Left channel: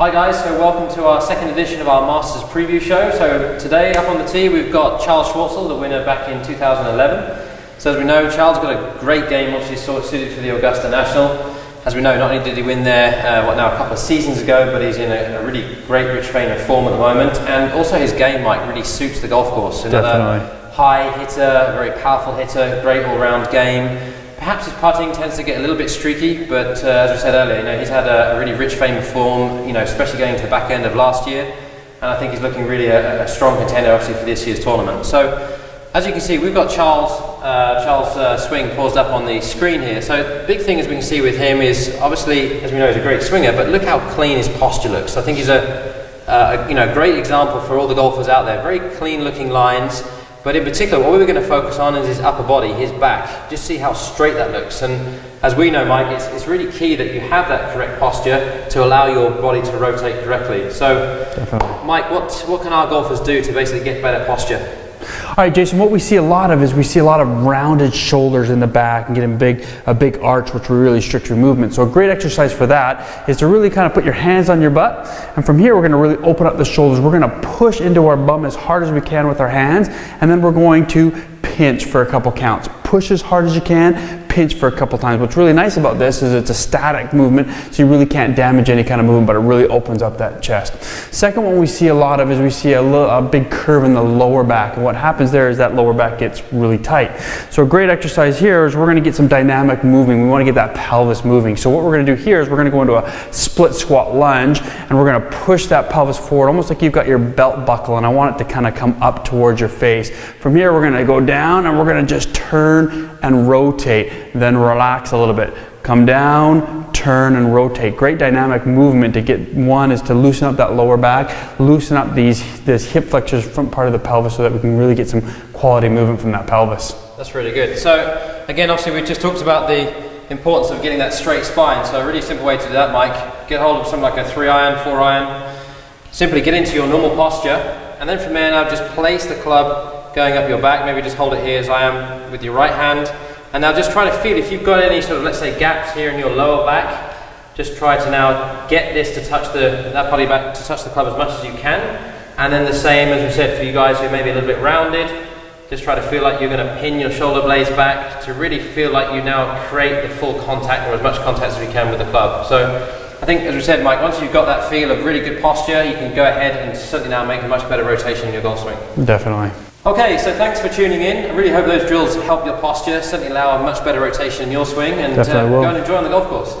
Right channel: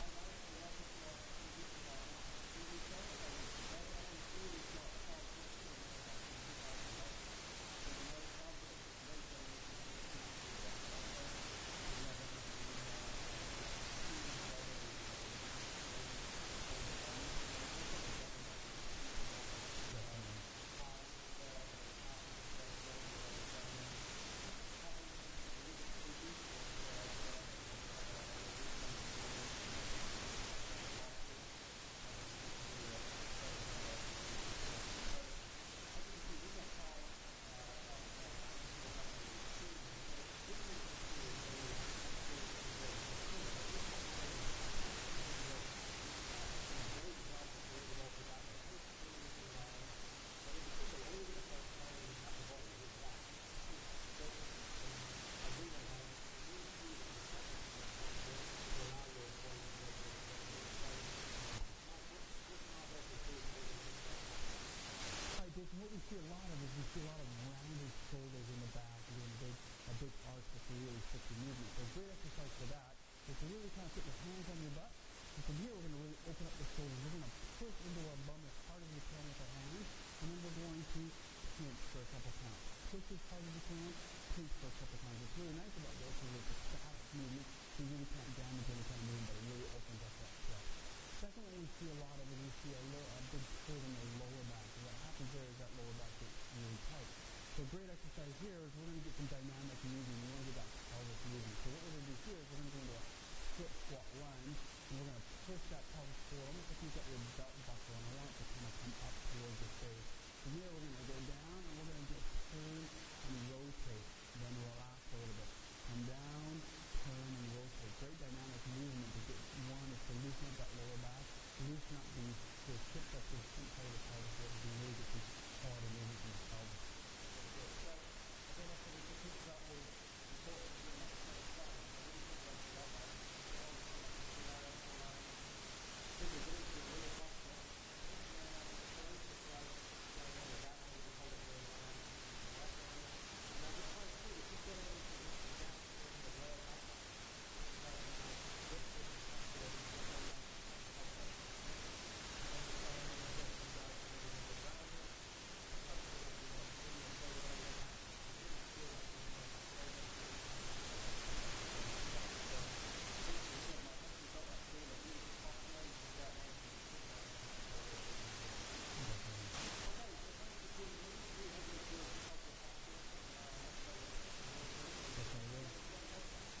Hi guys, so welcome to our second edition of our Masters preview show. So today up on the tee we've got Charl Schwartzel, the winner back in 2011. So as we know, Charl's got a great game, obviously suited for the Augusta National. As we know, not only did he win there, a couple of seasons ago, but he's in a really great rich vein of form at the moment. And also his game, Mike, really suits the golf course. Another high hitter, very powerful hitter, great all-round game. Perhaps his putting tends to get a little bit streaky, but as we said earlier, he's had a really rich vein of form, especially going to the back end of last year. And I think he's looking really a strong contender, obviously, for this year's tournament. So, as you can see, we've got Charl's swing paused up on the screen here. So, the big thing, as we can see with him, is obviously, as we know, he's a great swinger, but look how clean his posture looks. I think he's a great example for all the golfers out there. Very clean-looking lines. But in particular, what we were going to focus on is his upper body, his back. Just see how straight that looks. And as we know, Mike, it's really key that you have that correct posture to allow your body to rotate correctly. So, Mike, what can our golfers do to basically get better posture? All right, Jason, what we see a lot of is we see a lot of rounded shoulders in the back and getting a big arch, which will really restrict your movement. So a great exercise for that is to really kind of put your hands on your butt. And from here, we're going to really open up the shoulders. We're going to push into our bum as hard as we can with our hands. And then we're going to pinch for a couple counts. Push as hard as you can, pinch for a couple times. What's really nice about this is it's a static movement, so you really can't damage any kind of movement, but it really opens up that chest. Second one we see a lot of is we see a big curve in the lower back, and what happens there is that lower back gets really tight. So a great exercise here is we're going to get some dynamic moving. We want to get that pelvis moving. So what we're going to do here is we're going to go into a split squat lunge, and we're going to push that pelvis forward, almost like you've got your belt buckle, and I want it to kind of come up towards your face. From here, we're going to go down, and we're going to just turn and rotate, then relax a little bit. Come down, turn and rotate. Great dynamic movement to get. One is to loosen up that lower back, loosen up this hip flexors, front part of the pelvis, so that we can really get some quality movement from that pelvis. That's really good. So again, obviously we just talked about the importance of getting that straight spine. So a really simple way to do that, Mike, get hold of something like a 3-iron, 4-iron, simply get into your normal posture, and then from there now just place the club going up your back. Maybe just hold it here as I am with your right hand. And now just try to feel if you've got any sort of, let's say, gaps here in your lower back, just try to now get this to touch that part of your back, to touch the club as much as you can. And then the same, as we said, for you guys who may be a little bit rounded, just try to feel like you're going to pin your shoulder blades back to really feel like you now create the full contact, or as much contact as we can with the club. So I think, as we said, Mike, once you've got that feel of really good posture, you can go ahead and certainly now make a much better rotation in your golf swing. Definitely. Okay, so thanks for tuning in. I really hope those drills help your posture, certainly allow a much better rotation in your swing, and go and enjoy on the golf course.